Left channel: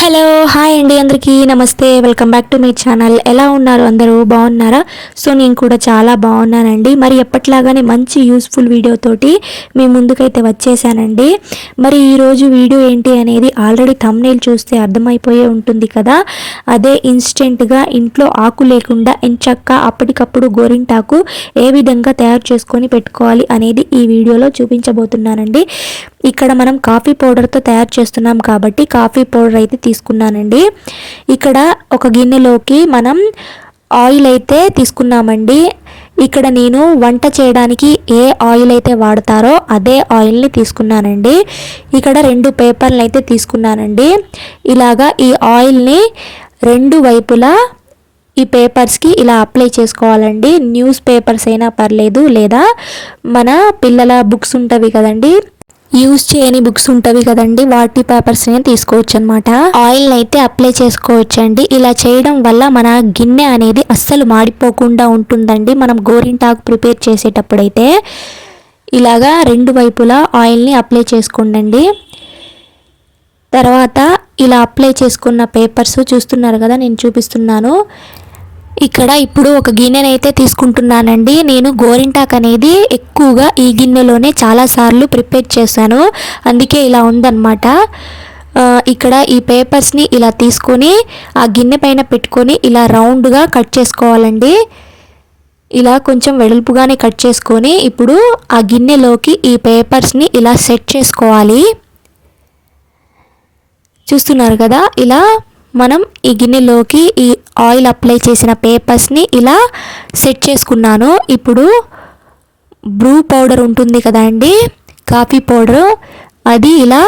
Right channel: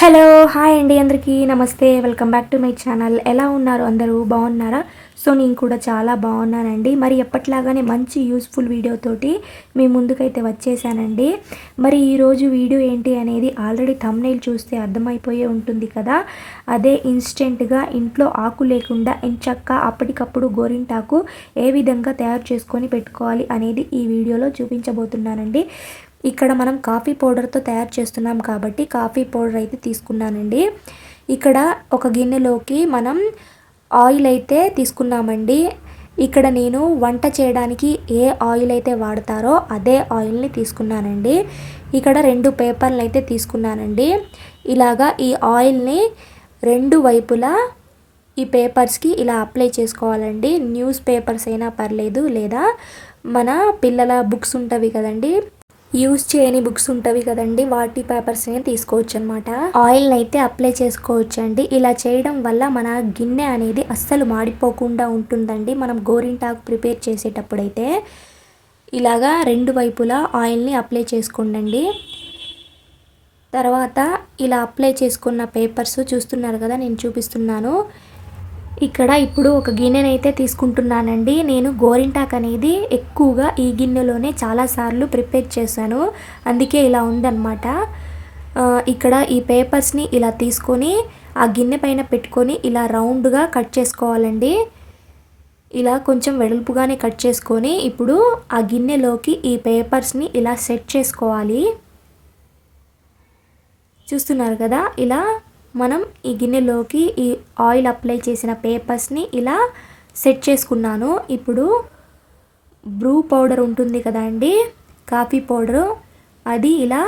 Hello hi అండి అందరికీ. నమస్తే welcome back to my channel. ఎలా ఉన్నారు అందరూ? బాగున్నారా? సో నేను కూడా చాలా బాగున్నానండి. మరి ఎప్పట్లాగానే మంచి యూస్ఫుల్ వీడియోతోటి మీ ముందుకైతే వచ్చేసానండి. మరి ఈరోజు వీడియో ఏంటి అనేది ఆల్రెడీ thumbnail చూస్తే అర్థమైపోయే ఉంటుంది కదా. అదే ఇన్స్టెంట్గా ఇంట్లో ఆకు లేకుండా ఎంచక్క అప్పటికప్పుడు గోరింటాకు ఏ విధంగా తయారు చేసుకొని పెట్టుకోవాలి అనేది ఈ వీడియోలో చూపించబోతున్నానండి. ఇక్కడ మనం కాఫీ పౌడర్తో తయారు చేస్తున్నాం కాబట్టి కాఫీ పౌడర్ అయితే తీసుకున్నానండి. ఇక్కడ ఒక గిన్నెలోకి మనం ఆయిల్ అయితే తీసుకున్నామండి. ఇక్కడ నేను వంట చేయడానికి ఏ ఆయిల్ అయితే వాడతారో అదే ఆయిల్ని తీసుకున్నానండి. ఇక్కడ రెండు పేపర్లు అయితే తీసుకున్నానండి. ఇలాగా ఈ ఆయిల్ని రెండు వైపులా ఈ పేపర్స్కి ఇలా అప్లై చేసుకోవాలండి. న్యూస్ పేపర్స్ అయినా పర్లేదు లేదా మన పిల్లల బుక్స్ ఉంటవి కదండి. యూజ్ చేయని బుక్స్ ఉంటవి కదండి వాటి పేపర్స్ని తీసుకోవచ్చు అనమాట ఆయిల్ అయితే అప్లై చేసుకోవచ్చు అండి ఇలా చేయడం వల్ల మన గిన్నె అనేది అస్సలు మాడిపోకుండా ఉంటుందండి. మనం గోరింటాకు ప్రిపేర్ చేసేటప్పుడైతే ఇలాగా రెండు వైపులా ఆయిల్ని అప్లై చేసుకోండి తర్వాత ఇలా అప్లై చేసుకున్న పేపర్స్ చూస్తున్నారు కదా నేను చూపిస్తున్నాను. ఇక్కడ ఇప్పుడు ఒక గిన్నెనైతే తీసుకుంటున్నానండి. నేను గోరింటాక్ అనేది ఎక్కువగా ఈ గిన్నెలోనే చాలాసార్లు ప్రిపేర్ చేశాను. అందుకే ఇలా ఉందన్నమాట. ఇక్కడ ఈ పేపర్స్ని ఇలా తీసుకొని ఆ గిన్నె పైన పెట్టుకొని ఇలా రౌండ్గా కట్ చేసుకోవాలండి. ఇలా కొంచెం వెడల్పుగానే కట్ చేసుకొని ఇప్పుడు ఆ గిన్నెలోకి ఈ పేపర్స్ని ఇలా సెట్ చేసుకోవాలి. చూస్తున్నారు కదా? ఇలా మనం ఈ గిన్నెలోకి ఈ ఆయిల్ అప్లై చేసిన పేపర్స్ని ఇలా సెట్ చేసుకున్నాను. ఇప్పుడు బ్రూ పౌడర్ ఉంటుంది కదండి కాఫీ పౌడర్. అది ఇలా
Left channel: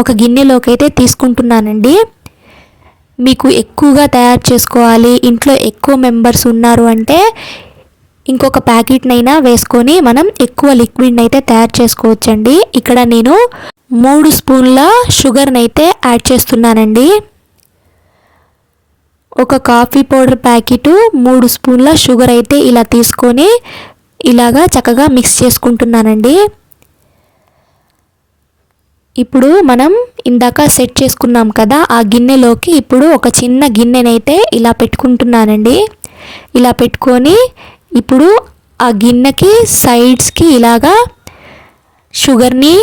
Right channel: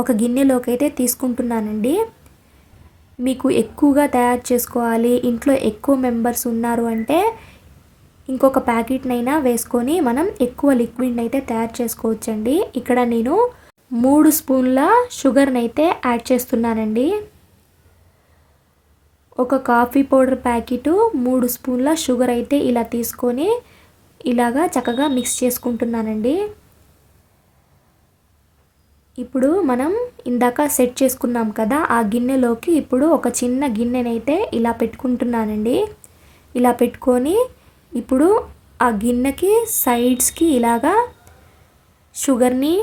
ఒక గిన్నెలోకి అయితే తీసుకుంటున్నానండి. మీకు ఎక్కువగా తయారు చేసుకోవాలి. ఇంట్లో ఎక్కువ మెంబర్స్ ఉన్నారు అంటే ఇంకొక ప్యాకెట్నైనా వేసుకొని మనం ఎక్కువ లిక్విడ్ని అయితే తయారు చేసుకోవచ్చండి. ఇక్కడ నేను మూడు స్పూన్ల షుగర్ని అయితే యాడ్ చేస్తున్నానండి. ఒక కాఫీ పౌడర్ ప్యాకెట్ మూడు స్పూన్ల షుగర్ అయితే ఇలా తీసుకొని ఇలాగా చక్కగా మిక్స్ చేసుకుంటున్నానండి. ఇప్పుడు మనం ఇందాక సెట్ చేసుకున్నాం కదా ఆ గిన్నెలోకి ఇప్పుడు ఒక చిన్న గిన్నెనైతే ఇలా పెట్టుకుంటున్నానండి. ఇలా పెట్టుకొని ఇప్పుడు ఆ గిన్నెకి సైడ్స్కి ఇలాగా షుగర్ని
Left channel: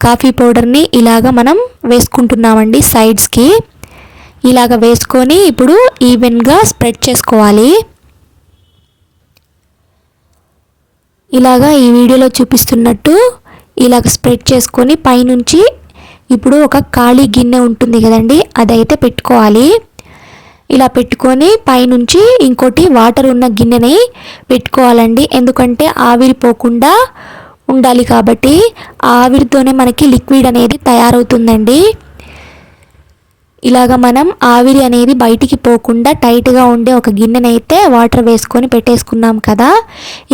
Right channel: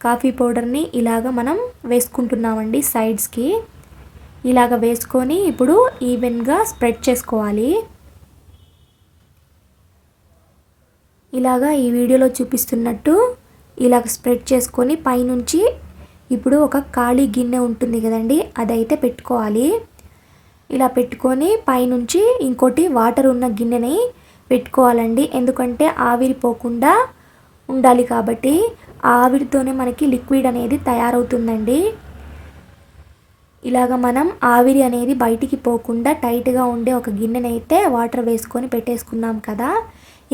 కాఫీ పౌడర్ని ఇలాగ మనం వేసుకుంటున్నామండి సైడ్స్కి ఇలాగ వేసుకొని ఇప్పుడు ఈవెన్గా స్ప్రెడ్ చేసుకోవాలి. ఇలాగా ఈ వీడియోలో చూపిస్తున్నట్టు ఇలాగ స్ప్రెడ్ చేసుకొని పైనుంచి ఇప్పుడు ఒక ఖాళీ గిన్నె ఉంటుంది కదండి అదైతే పెట్టుకోవాలి. ఇలా పెట్టుకొని పైనుంచి ఇంకోటి వాటర్ ఉన్న గిన్నెని పెట్టుకోవాలండి. ఎందుకంటే ఆవిరి పోకుండా ఉండాలి కాబట్టి ఆవిరితోనే మనకి లిక్విడ్ అనేది తయారవుతుందండి. ఇలాగ మనం ఆవిరి అనేది బయటికి పోకుండా టైట్గా ఉండే ఒక గిన్నెనైతే వాటర్ వేసుకొని పెట్టేసుకున్నాం కదా.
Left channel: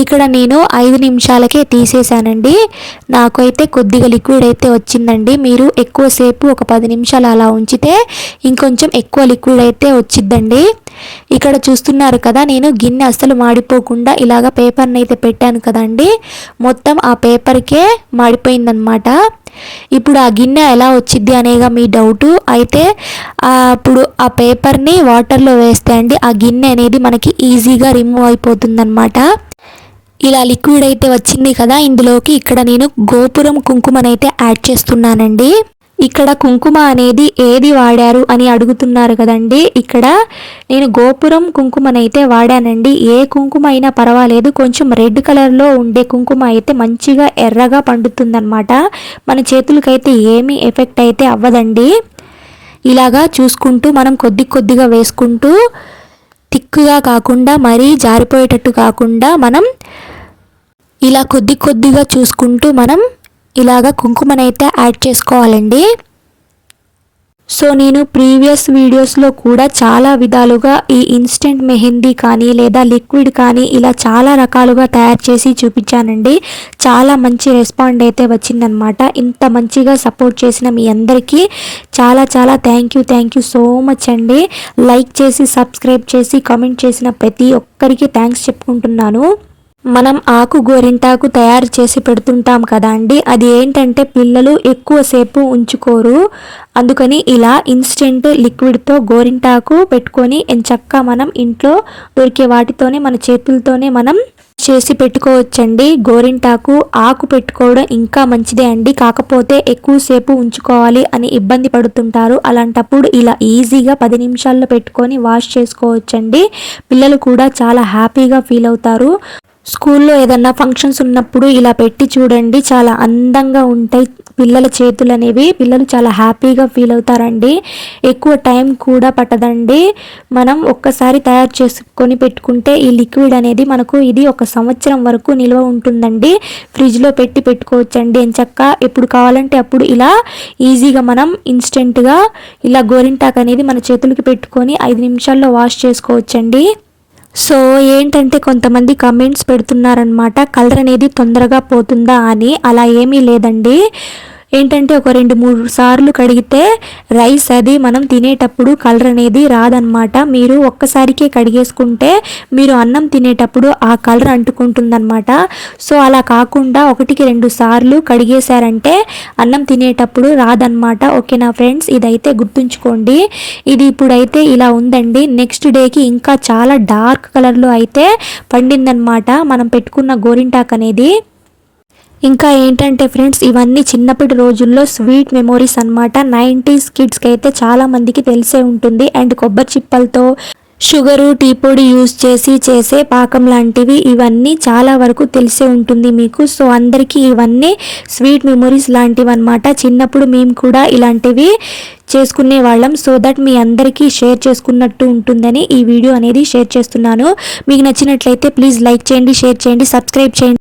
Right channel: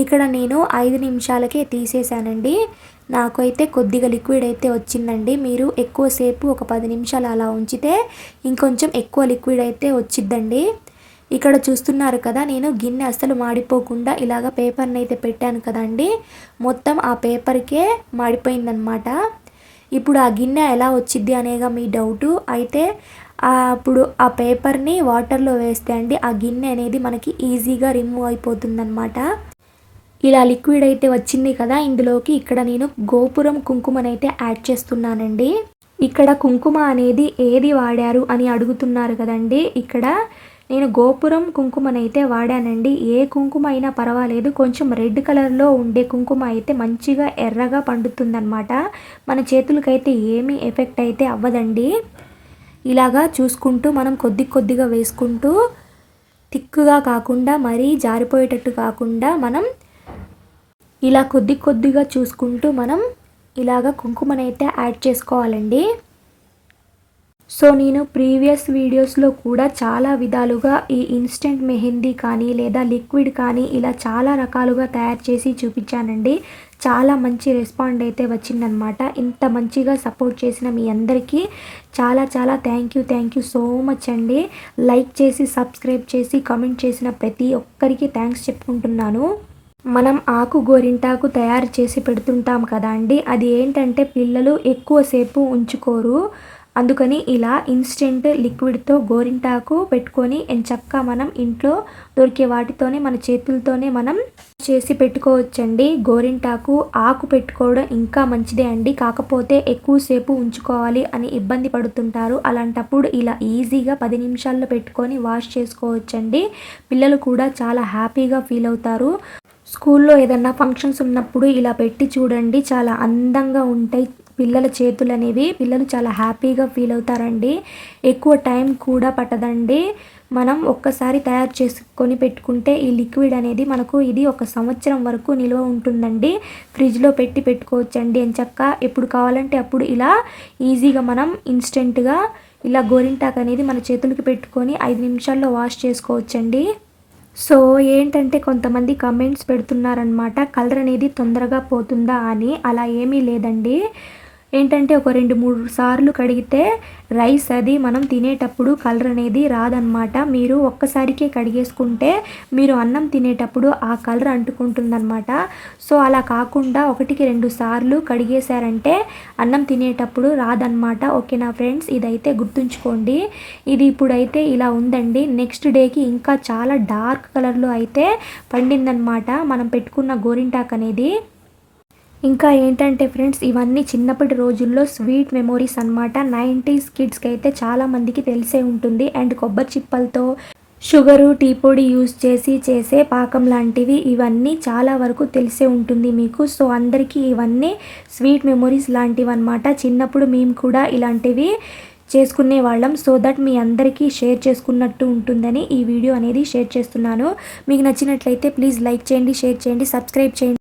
ఇక్కడ నేను ఐదు నిమిషాలకే తీసేసానండి నాకు అయితే కొద్దిగా లిక్విడ్ అయితే వచ్చిందండి. మీరు ఎక్కువసేపు ఒక పది నిమిషాలు అలా ఉంచితే ఇంకొంచెం ఎక్కువ లిక్విడ్ అయితే వచ్చిద్దండి. ఇక్కడ చూస్తున్నారు కదా నేను గిన్నె అస్సలు మాడిపోకుండా ఇలాగ పేపర్ని అయితే పెట్టాను కదండి. మొత్తం ఆ పేపర్కే మాడిపోయిందనమాట ఇప్పుడు ఆ గిన్నె ఎలా వచ్చింది అనేగా మీ డౌట్. అయితే అప్పుడు ఆ పేపర్ని వాటర్లో వేస్తే అండి ఆ గిన్నె అనేది మనకి ఈజీగా రిమూవ్ అయిపోతుందన్నమాట. ఇలా లిక్విడ్ అయితే వచ్చింది కదా ఇందులోకి ఇక్కడ నేను గోపురం కుంకుమనైతే యాడ్ చేస్తున్నానండి. ఇక్కడ కుంకుమ అనేది ఏది వాడారు అని అడుగుతున్నారు కదండి. ఇక్కడ నేను గోపురం కుంకుమనైతే వాడానండి. ఏ కుంకుమ అయినా పర్వాలేదు. కొంచెం రెడ్ కలర్లో ఉండే కుంకుమ అయితే మంచిగా ఎర్రగా పండుతుందన్నమాట. మన చేతులకైతే ఏమీ ఎఫెక్ట్ అయితే అవ్వదండి. ఇలాగా చూసుకుంటూ మనం కొద్ది కొద్దిగా వేసుకుంటూ తిక్కుగా కాకుండా మరీ జారిపోయేటట్టు కాకుండా మనం ఇలా కొద్ది కొద్దిగా చూసుకుంటూ మనం ఇలాగ కుంకుమనైతే యాడ్ చేసుకోవాలండి. సో నేను ప్రీవియస్ వీడియోస్లో కూడా చాలా విధాలుగా ఈ ఇన్స్టెంట్ మెహందీ కానీ లేదా లిక్విడ్ కానీ ఇలా చాలా రకాలుగా తయారు చేసి చూపించానండి. చాలా మంచి రెస్పాండ్ అయితే వచ్చిందనమాట. ఇంత మంచిగా సపోర్ట్ చేసిన మీ అందరికీ చాలా చాలా thank you thank you so much అండి. లైక్ చేసి సబ్స్క్రైబ్ చేసి కామెంట్ చేసిన ప్రతి ఒక్కరికి థ్యాంక్స్ చెప్పుకుంటున్నాను. మనం ఆకు గోరింటాకు తయారు చేసి పెడుతుంటాం కదా అండి. అది ఏంటంటే పిల్లలు ఎక్కువసేపు ఉంచుకోరు. అందుకని ఇలా ఇన్స్టెంట్ లిక్విడ్తో గోరింటాకు పెట్టుకొని ఎంచక్క మనం ఇంట్లో దొరికే వాటితోనే మన చేతులతోనే మనం చేసి పెట్టుకోవచ్చండి. గోరింటాకు ఆకు పెట్టుకోవడం ఇంకా మంచిదే అండి. కాకపోతే ఎక్కువసేపు ఉంచుకోవాలి అని ఇబ్బంది పడుతుంటారు. అలాంటప్పుడు ఇలా ఈజీగా పది నిమిషాల్లో పెట్టుకొని వాష్ చేసుకోవచ్చండి. పిల్లలు కూడా చాలా హ్యాపీగా ఫీల్ అవుతారు. స్కూల్లో ఏదన్నా ఫంక్షన్స్ ఉన్నప్పుడు ఇలా పెట్టి చూడండి చాలా అందంగా ఉంటాయి పిల్లల చేతులు అనేవి పిల్లలు చాలా హ్యాపీగా ఫీల్ అవుతారండి. ఎక్కువ టైం కూడా పట్టదండి. మనం ఒక్కసారి తయారు చేసుకొని పెట్టుకుంటే ఈ లిక్విడ్ అనేది మనకు ఇది ఒక సంవత్సరం వరకు నిల్వ ఉంటుందండి. ఫ్రిడ్జ్లో పెట్టి పెట్టుకోవచ్చండి. ఎంచక్క ఎప్పుడు కావాలంటే అప్పుడు ఇలా ఈజీగా మనం ఇన్స్టెంట్గా ఇలా గోరింటాక్ అనేది మన చేతులకి పెట్టుకొని ఐదు నిమిషాల్లో వాష్ చేసుకోవచ్చండి. సో ఏంటంటే కొంతమంది కమెంట్స్ పెడుతున్నారనమాట కలర్ అనేది తొందరగా పోతుందా అని. అలా ఏమీ లేదండి. ఏంటంటే ఒక రెండు మూడు సార్లు కడిగితే రైస్ అది మనం తినేటప్పుడు కలర్ అనేది రాదనమాట మీరు ఒక్కసారికే కడిగేసుకుంటే మీరు అన్నం తినేటప్పుడు ఆ కలర్ అంటుకుంటుందన్నమాట. సో అలా కాకుండా ఒకటికి రెండు సార్లు కడిగేశారంటే అన్నం తినేటప్పుడు రాదనమాట ఓకేనా ఫ్రెండ్స్? ఇదైతే గుర్తుంచుకోండి. ఇది ఇప్పుడైతే ఇలా ఉందండి. నెక్స్ట్ డేకి ఇంకా చాలా డార్క్ కలర్లో అయితే పండిందనమాట మనం పెట్టుకున్న గోరింటాక్ అనేది. ఇంకా ఏంటంటే ఫ్రెండ్స్ ఇవన్నీ చిన్నప్పటి రోజుల్లో స్వీట్ మెమోరీస్ అనమాట నైంటీస్ కిడ్స్కి అయితే చాలామందికి తెలిసే ఉంటుంది. అండ్ కొబ్బరి చిప్పలతో షుగరు టీ పొడి యూజ్ చేసి చేసే పాకం లాంటివి ఇవన్నీ చాలా వరకు తెలిసే ఉంటుంది మీకు. సో అందరికీ ఇవన్నీ స్వీట్ మెమొరీస్ లాంటివి అనమాట చిన్నప్పుడు మేము కూడా ఇలాంటివి చేసుకునే వాళ్ళం. సో దట్ మీ అందరికీ షేర్ చేసుకున్నట్టు ఉంటుందని ఈ వీడియో అనేది షేర్ చేస్తున్నాను. మీకు నచ్చినట్లయితే ప్లీజ్ లైక్ చేయండి షేర్ చేయండి సబ్స్క్రైబ్ చేయండి.